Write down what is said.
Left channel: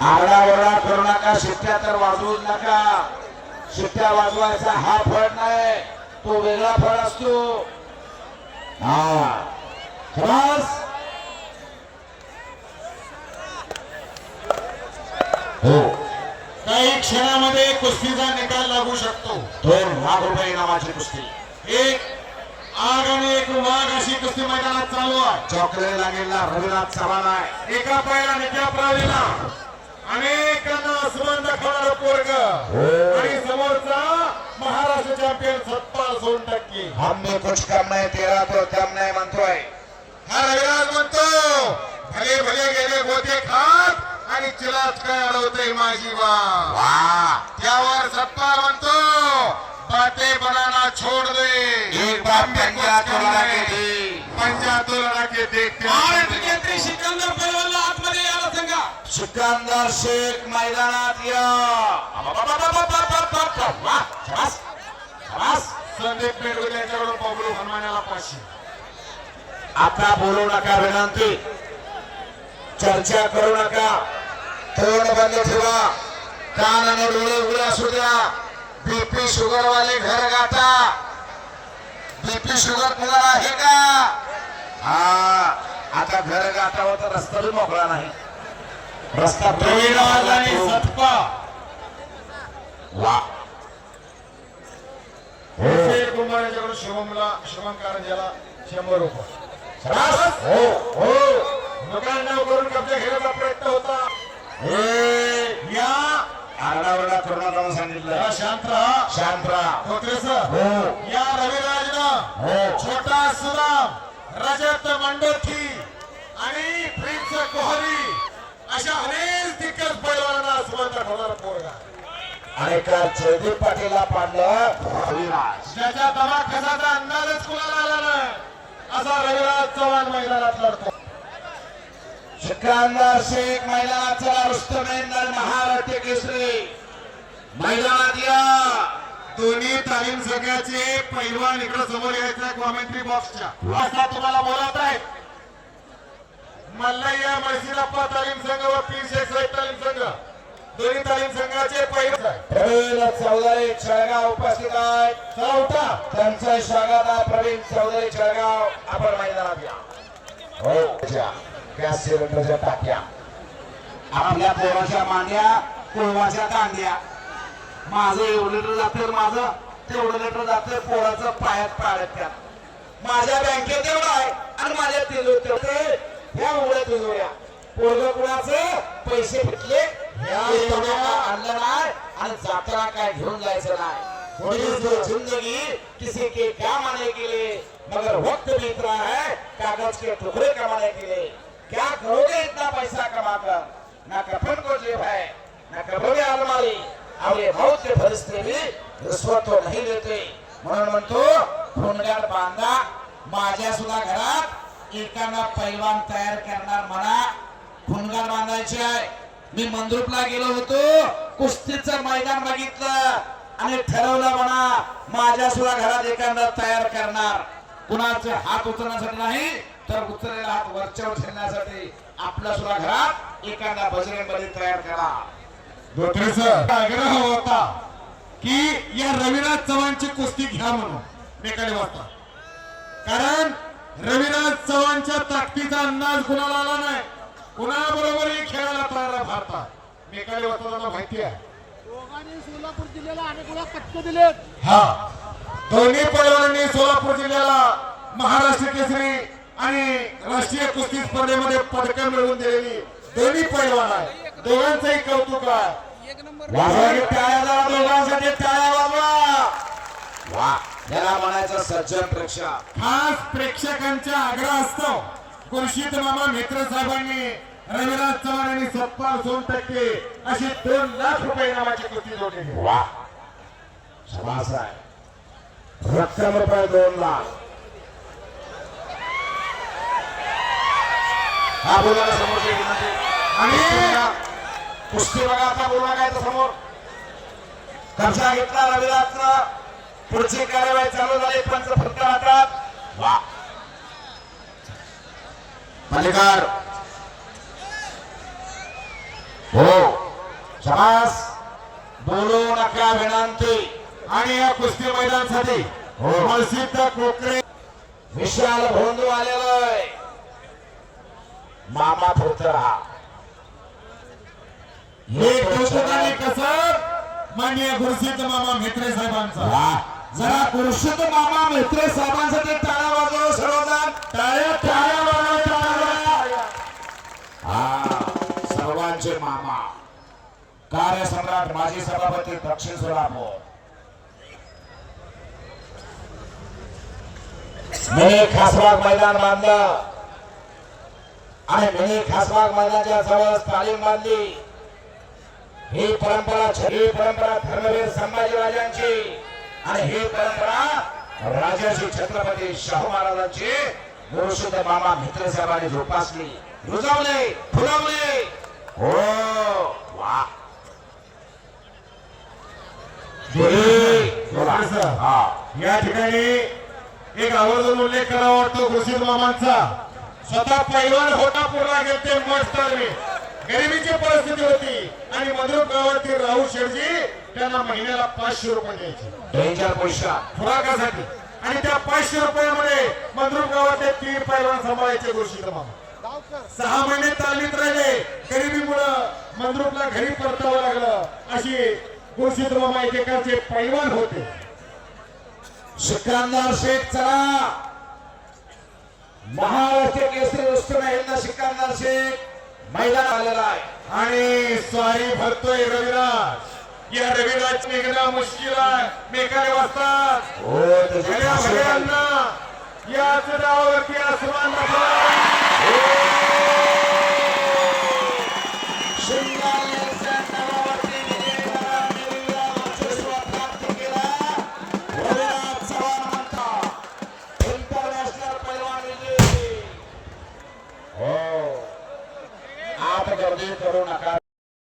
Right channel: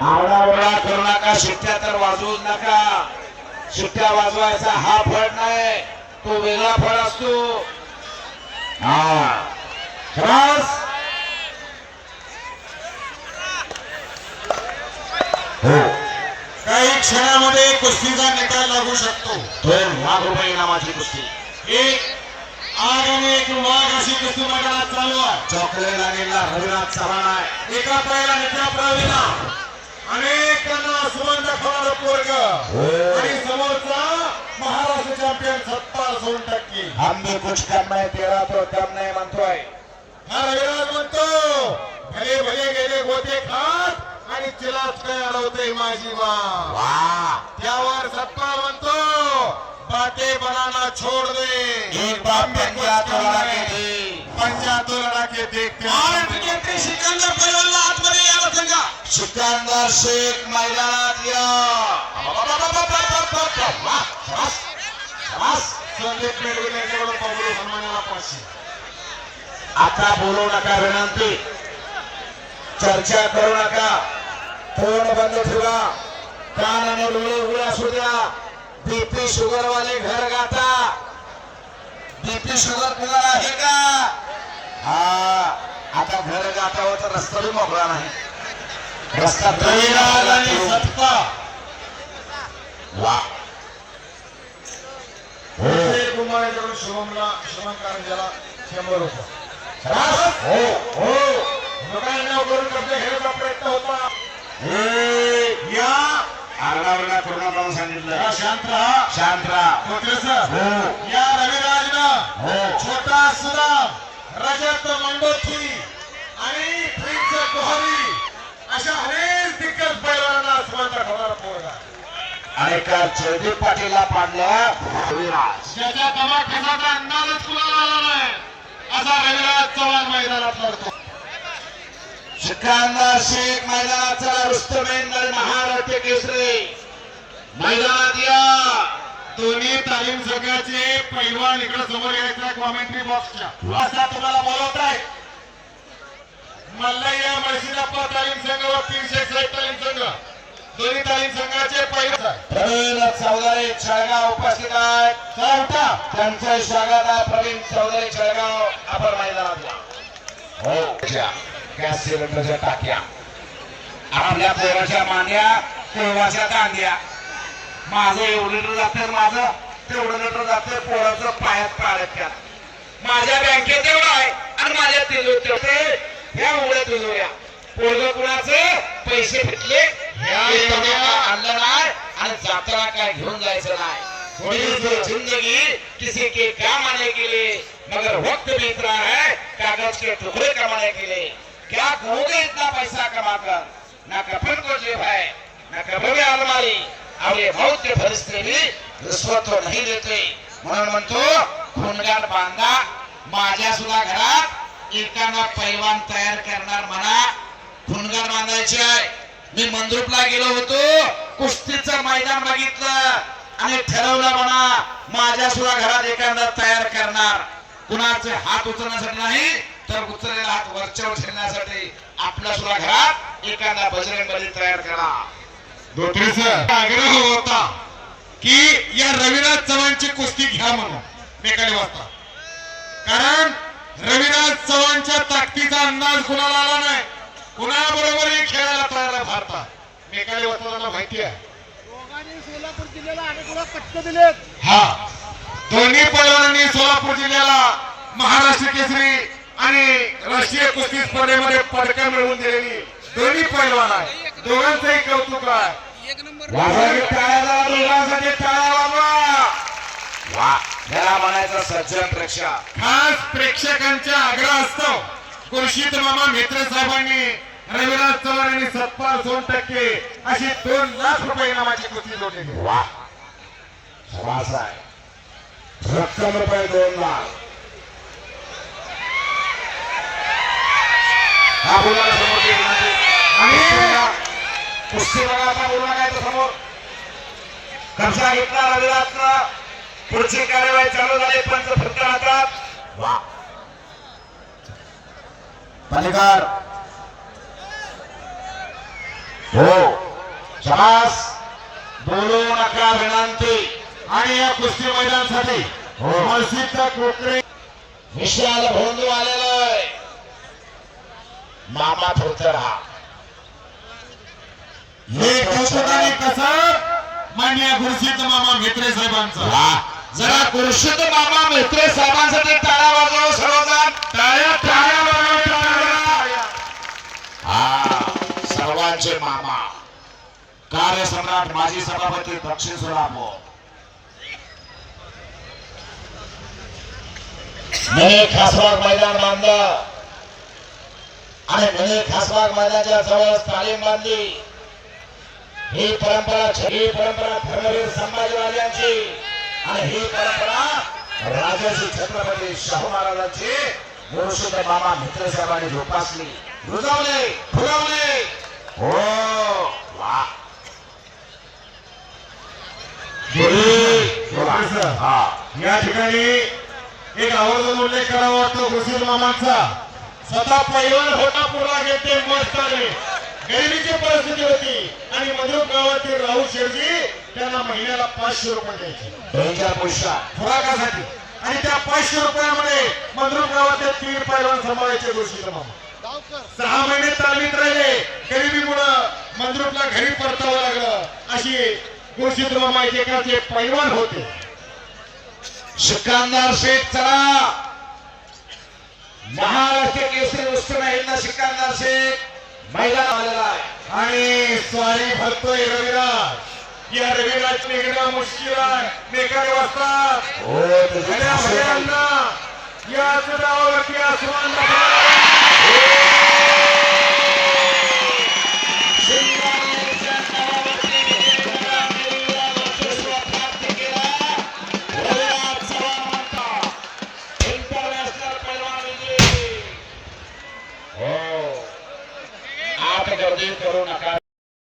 आरडाओरडा करू नका शिट्ट्या तर वाजवूच नका. शिट्ट्या वाजवायचा हा फळ नाही तो वेगळा फळ असतो. हा. हो. काही क्षणामध्ये कुस्तीचा निकाल लागू शकतो. दोन लाख रुपये इनामाची कुस्ती. एक आग आणि एक वाघ अशी कुस्ती मैदानात चालू आहे. चॉकलेट लागेला रविनाथ चव्हाण आहे. एका पायाला नित्या प्रवीणा अनेकांना सुमन दाखवणारं पोरग. आणि समोरचा महाराष्ट्र चॅम्पियन सत्तार सोन टक्के. हम भी कुछ कम नहीं तेरा तो कम नहीं म्हणतोय. हा रविराज म्हणतो भले भले गेले गोते खात आणि चिलाच काय अडवते माझी वा वा. त्यावर सत्तार म्हणतो बाते बनाना छोड़ दे. एक बात पंजा तोडा के दी पंजा तोरणा के देख सिकंदर सांगा सिकंदर शेख मैदानात या. वा, शाबास, संदीप पेडवे यांच्याकडून हनुमानाला पाचशे आता बोलू नका विनंती. चर्चा करू नका. तोंड बंद ठेवा. कान आणि डोळे उघडे असू द्या. बीपी शुगर वाले घर गाता बीपी शुगर कुणाला आहे का? हा. आता घर गाता तर रस्ता मोकळा नाही. रस्ता रविराज आणि सत्ता वा शुभमला शंभर रुपये हो. करून कब्जा घेण्याचा प्रयत्न होता या आरडाओरडा करू सांगितलं शांत राहा शांत राहा डॉक्टर सर हो या रविराजनं हो छोटा सुराम रजत मंडोत्री आणि प्रिन्स कोहली. अशा अनेक दिग्गज बैलांना सुमंत ठरवणारा पोरगा. आणि का जयदीप पाटीलला पाडलं ज्याच्या दवाखान्याचा अंदाजच कुणाला आला नाही? असा रविराज चव्हाण मैदानात लढतो. सिकंदर शेख मैदानाचा रुस्तमेंदर महारथी केसरी. मैदानात या. दोन्ही तालीम संघाचे पैलवान इकडे समोर यायचा कॉमेंट्री बॉक्सच्या असा तुम्हाला बोलवत आहे. मल्लय्या मळशिरप्पा तालीम संघ व तीनशे साठ तालीम संघ दोन्ही तालीम संघाचे पैलवान प्रवीण चौधरी छळगाव उपस्थित आहेत. चला उठा स्वागत आहे. प्रवीण चौधरी छळगाव आपण मैदानात या. हो गॅस सिलेंडरच्या टाक्या. आपल्या पोराच्या मांड्या कोळवाच्या कांद्या माझं एवढं लिटर जातं माझं तेवढं लिटर जातं पोराचं पायात पाळत त्यात. माझ्या बँकेत एवढं आहे आणि माझ्या तिजोरीत तेवढे. ह्या उघड्या तिजोऱ्या. पोरग कुणाचं? पैसे भेटले. आणलं नाही आणि जात्रा काय घेऊन जायचं नाही. जिंदगी किसी के काम आने के लिए? मगर वक्त बीत रहा है कागज के टुकड़े कमाने के लिए. क्या करोगे इतना पैसा कमाकर? ना कफन को जेब है न में अलमारी. और ये मौत के फरिश्ते भी रिश्वत तो नहीं देते म्हणून म्हणतो खूनगार बांधा माझ्या सुद्धा घरात एकांना पैलवान तयार करणार म्हणा. खूनगार बांधायचे आहे. मी मंद्रुपला गेलो होतो. कुस्तीचं मैदान बघितलं. आणि ठरवलं म्हणा माझ्या सुद्धा घरात एखादा तयार करणार. कुणाचे हात उचलण्यासाठी नाही तर उचललेला हात वरच्यावर ठेवण्यासाठी आपल्या सुद्धा घरात एखादा बजरंग बली तयार करा. आग्रह होता की या रविराज चव्हाणची कुस्ती घ्या म्हणून. मेकाली वाजता कारण रविराज चव्हाणच्या ताकदीचा अंदाज कुणाला आला नाही? कुणाबरोबरही खेळायला तयार भारतात मेकाली वाजता माहिती आहे. दोघांनी सोलापूर जिल्ह्याला अनेक वेळा पटक दिलेत. हा. दोन्ही पैलवानांनी सोलापूर जिल्ह्याला महाराष्ट्र केसरी आणि राष्ट्रीय कुस्ती स्पर्धेमध्ये पदकं मिळवून दिलेली दोन्ही पैलवान आहे दोघांचंही कौतुक आहे. दोघांसाठी टाळ्या वाजवा. वा. म्हणायचं सज्जन प्रेक्षक. खास प्रेक्षकांचा आग्रह असतो. खुर्शीद मामा म्हेत्रे साहेबांनी रविराज चव्हाण आणि सत्पाल सोन टक्के अशी दोन लाख रुपये इनामाची कुस्ती जोडलेली रक्कम रुपये दोन लाख. हा बोला. आणि बोला नाही तर समोर. कब्जा घेतला रविराजचा. पुढची कार्यवाही चालू झाली पंच फक्त हातात. वा. मालिकार हो शबास। बोलू नका विनंती आणि या कुस्ती मैदानासाठी हो. प्रसिद्ध कोकरे विशाल भोंदू आलेलो आहे मामा थोडतर हा हे कौतुकाने कसं? मान्य गुरुसिद्ध मामा साहेबांचा. वा. जरा खुर्शीद मामा मेत्रे साहेबांसाठी टाळ्या वाजवा सर्वजण. टाळ्या टाळ्या. सर्वांचे मामा. कार्यसम्राट माजी सभापती दक्षिण सोलापूर. मिनी खासबाग मैदान बांधलं. आणि मिनी खासबाग मैदानाच्या जवळ तालीम बांधली. ही परंपरा ही परंपरा धर्मवीर संभाजीराजांची आणि ही परंपरा राजाची छत्रपती शाहू महाराजांची. गुरुशुद्ध मामा मित्र साहेबांनी जोपासली. रुजवली फुलवली. हो हा या ठिकाणी एक आवर्जून उल्लेख करावा वाटतो गुरुसिद्ध मामांचा स्वतः पैलवान होता घेते मस्त आले गरिबीची परिस्थिती होती आणि मधुर गावातील राहुल शेडजी त्यांना महिन्याला पाचशे रुपये द्यायचे खुराकासाठी आणि त्या पाचशे रुपयामध्ये मंद्रुप गावातले तीन पैलवान सांभाळायचे गुरुसिद्ध मामा. सहा महिने तालमीत राहिले गरिबीमुळं मंद्रुपला घरी परतावं लागलं. अशी गुरुसिद्ध मामा एकेकाचे पैलवान होते. सिकंदर शेख चला. महाराष्ट्र केसरी वस्तू हिंद सिकंदर शेख मैदान आलेला आहे. आणि स्वारी भरतोय रविराज. या रविराज निघणं मुश्किल आहे. मेकाले वाजतात. हो तुझे गड्या खासे भैयांना याच डावावरती आसमान Xin